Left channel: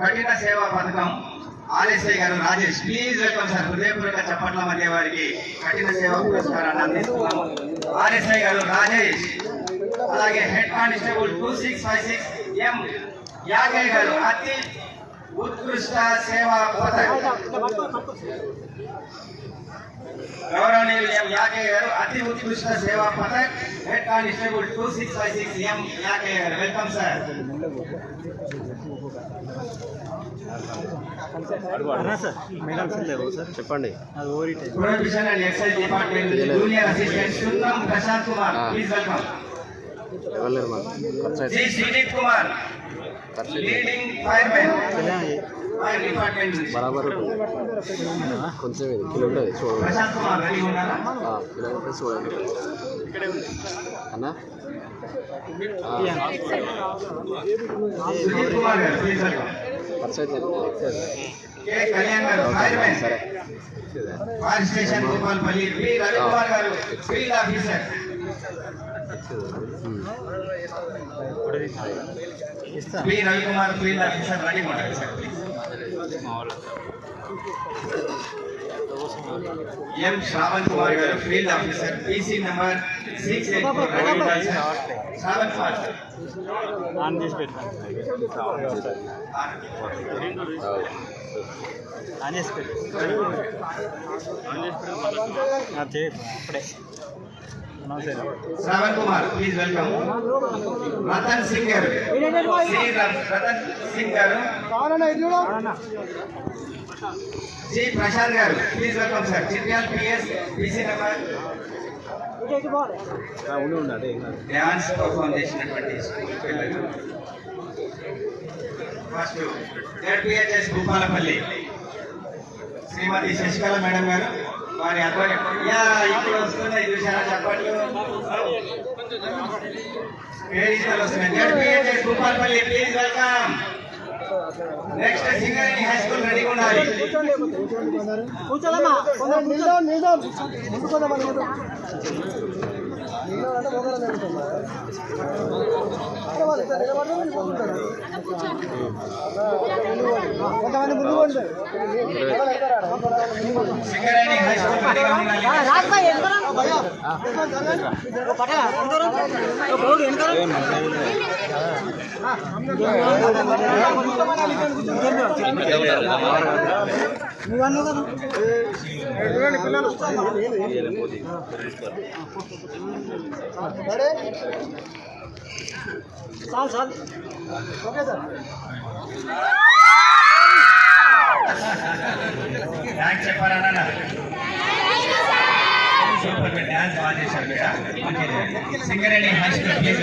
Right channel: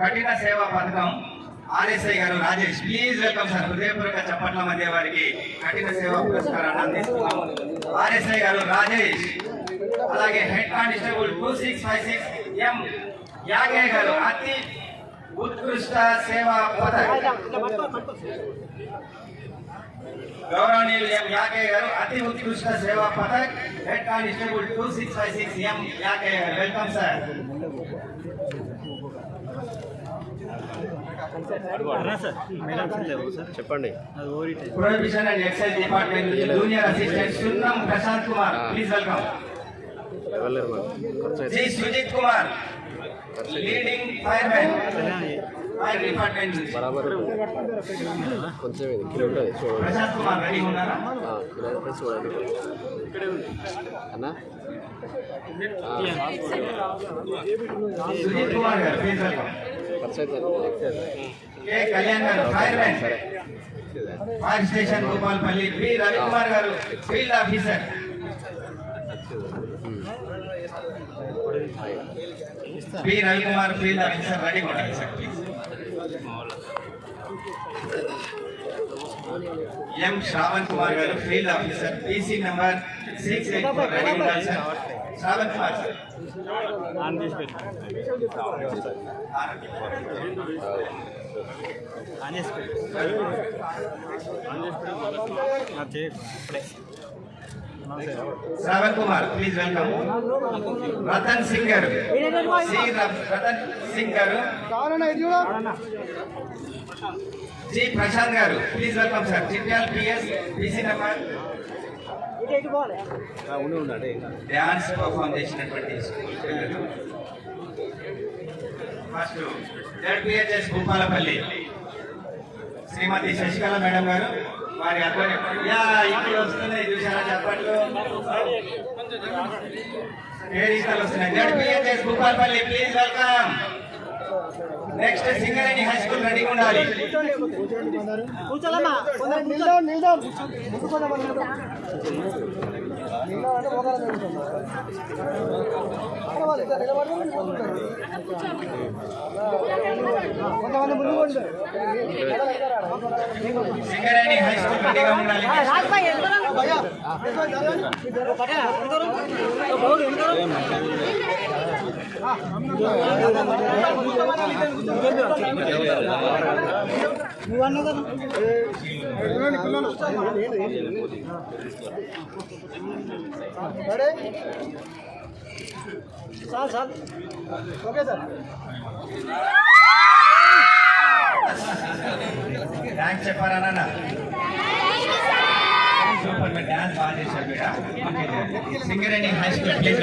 కఠిన సేవా పథకం ఆర్ఎస్ఐ గారు రాజేష్ ప్లీజ్ వెల్కమ్ సార్. హృదయపూర్వక చప్పట్ల మధ్య వారికి కఠిన సేవా పురస్కారాన్ని అందిస్తున్నాము ఆర్ఎస్ఐ గారు రాజేష్ అలాగే head constable two six five six M Yage garu Ati Utkrisht సేవా పథకం. గౌరవనీయులు ఎం యాకే garu Ati Utkrisht Seva Padak. Head constable two six five six M Yake garu. Welcome sir. చెప్పండి. Prohibition and excise department junior assistant Sunnam Prashanth Kumar. Please welcome. G Suneeth Kumar leading fireman fire department बराबर Prashanth Kumar ready होणार सोळा Suneeth Kumar Kalyan fireman fire station Bhupalpally B Ravikumar garu field officer Kumar గారు please welcome పరిచయం K Kalyan గారు firemen సరే fire station Bhupalpally P Ravikumar గారు field officer P Ravikumar field officer ready ఉండాలి sir please M Shravan Kumar గారు field officer PC number six eight four ready ఉండాలి sir Shravan Kumar sir on చేసి పెట్టు on చేసి పెట్టు ఆ, చేయి ఇప్పుడే నమస్తే Shravan Kumar please welcome Ratan Singh garu C Ratan Singh garu G Prashanth garu please welcome sir Chityal PS BC number dance perform చేసినటువంటి స్కూల్ పిల్లలు first ZPHS Bhupalpally. Shrimati Sasikala madam garu. వారి ఇప్పుడు వస్తున్నాయి చూసారా చెప్పట్లు? వేదికలు వస్తున్నాయి. Bhupalpally please welcome next Singareni high school రెడీగా ఉండాలి. Singareni హై స్కూల్ రెడీగా ఉండాలి Rajesh Singareni हास्ट